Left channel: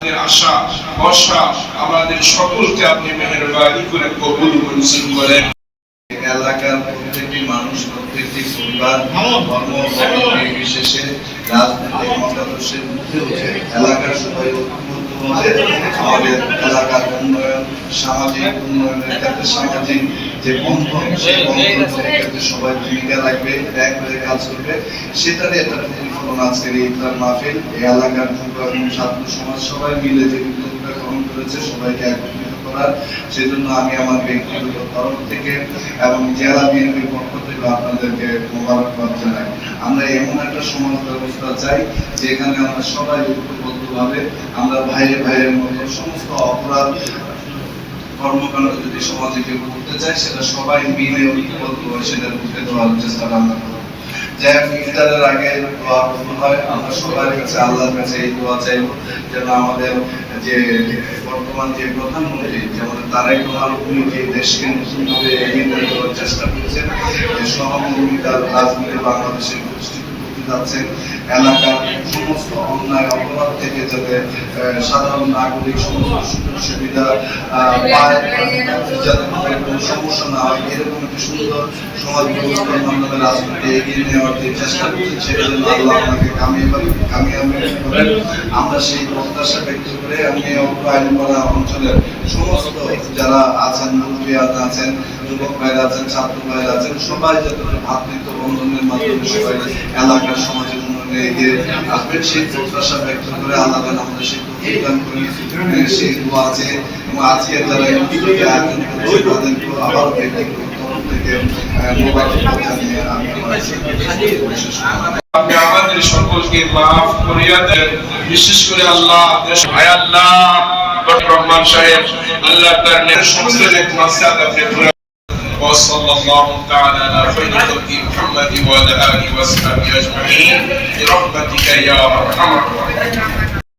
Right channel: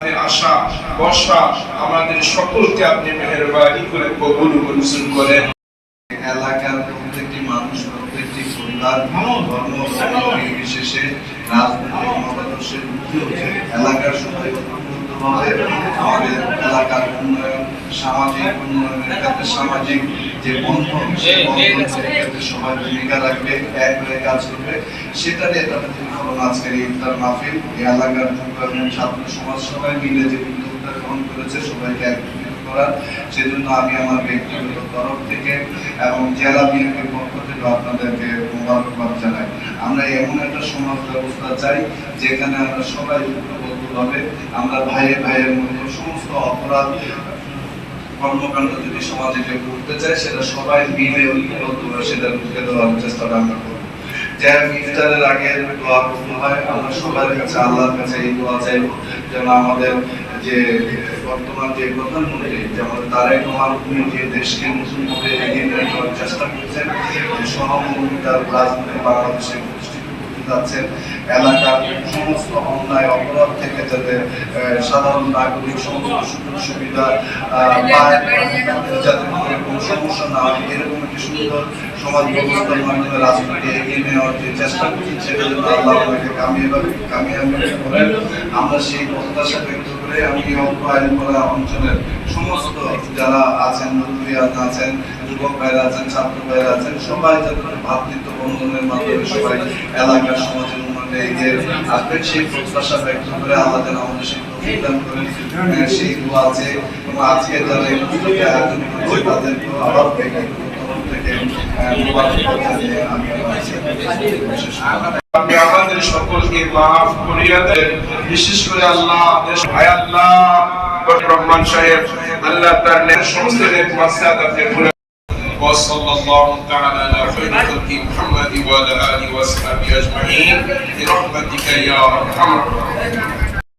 আশা বর্ষা আমাদের সকলকে আপনি মেহেরবানি করে কবুল মঞ্জুর করেন। এলাকার প্রত্যেকটি মানুষ, প্রত্যেকটি পরিবার, ধর্ম বিশেষে রাজনৈতিক মতাদর্শের ঊর্ধ্বে উঠে এলাকার সবাই ঐক্যবদ্ধভাবে আমাদের এলাকার উন্নয়ন, সামাজিক উন্নয়নের ক্ষেত্রে সামাজিক যে বন্ধন, সেই বন্ধনের ক্ষেত্রে সবাই ভূমিকা রাখবে, এক হয়ে কাজ করবে। সেটারই একটা প্রতিফলন আজকের এই ইফতার মাহফিল। এই এলাকার যুব এবং ছাত্র সমাজ সবাই মিলে যে উদ্যোগটা গ্রহণ করেছে সবাইকে একত্রিত করার, সেজন্য আমি আমার ব্যক্তিগত তরফ থেকে এবং জেলা বিএনপির পক্ষ থেকে আপনাদেরকে মোবারকবাদ জানাই। আমরা এমন একটা সমাজ ব্যবস্থা চাই যেখানে আমরা সবাই ঐক্যবদ্ধভাবে আমরা ভাইয়ের মধ্যে সমস্ত অপরাধ কর্মকাণ্ড যদি সমাজে কেউ করতে চায় সেটা সবাই মিলে ঐক্যবদ্ধ হয়ে সেটা রুখে দেওয়ার চেষ্টা আমরা করব। যারা ইফতারের আগে দোয়া করতে হয়, আমরা সবার কাছে আল্লাহর কাছে এই দোয়া চাইব যেন আমাদের যে বর্তমান যে প্রধানমন্ত্রী যেমন তারেক রহমান, উনি যে দেশকে নতুনভাবে এগিয়ে নিয়ে যাওয়ার চেষ্টা করেছেন, যে সহমর্মিতার রাজনীতি বাংলাদেশের যাচ্ছেন, এলাকার সমস্ত অন্যায় অপরাধ থেকে যাতে সাধারণ নাগরিক সমস্ত সুযোগ সুবিধা পায়, যাতে কোনো সমস্যা না হয়, এরকম একটি সুন্দর সমাজ ব্যবস্থার মাধ্যমে রাজনীতি এগিয়ে নেওয়ার যে চেষ্টা করছেন সেটা যেন আল্লাহ আমাকে কামিয়াবি করেন। আমরা সেই প্রত্যাশা ব্যক্ত করে আমি অল্প আইনপাড়া অঞ্চলের সমস্ত যারা আছেন, মুরব্বিয়াত আছেন, যুবক ভাইরা আছেন, ছাত্র ভাইরা আছেন, সবাই যাতে ভ্রাতৃত্ব বন্ধনের মাধ্যমে সবাই এলাকার সমাজের উন্নয়নে এগিয়ে আসবেন সেই প্রত্যাশা ব্যক্ত করে আল্লাহ আমাদের সেই প্রতিদান করে সেই দোয়া আছে। এবং আজকে যারা এই উদ্যোগে আয়োজন করেছে তাদেরকেও আবারও ব্যক্তিগত তরফ থেকে মোবারকবাদ জানিয়ে আমি আমার বিশেষ আপনি আমাদের সকলকে মাফ করিয়া দেন। বিশেষ করে আল্লাহ আল্লাহ রহমান সাহেব আল্লাহ তার সমস্ত মাসআদ আপনি পুরো وصلى الله تعالى على خير خلق محمد وعلى اله وصحبه اجمعين برحمتك يا ارحم الراحمين.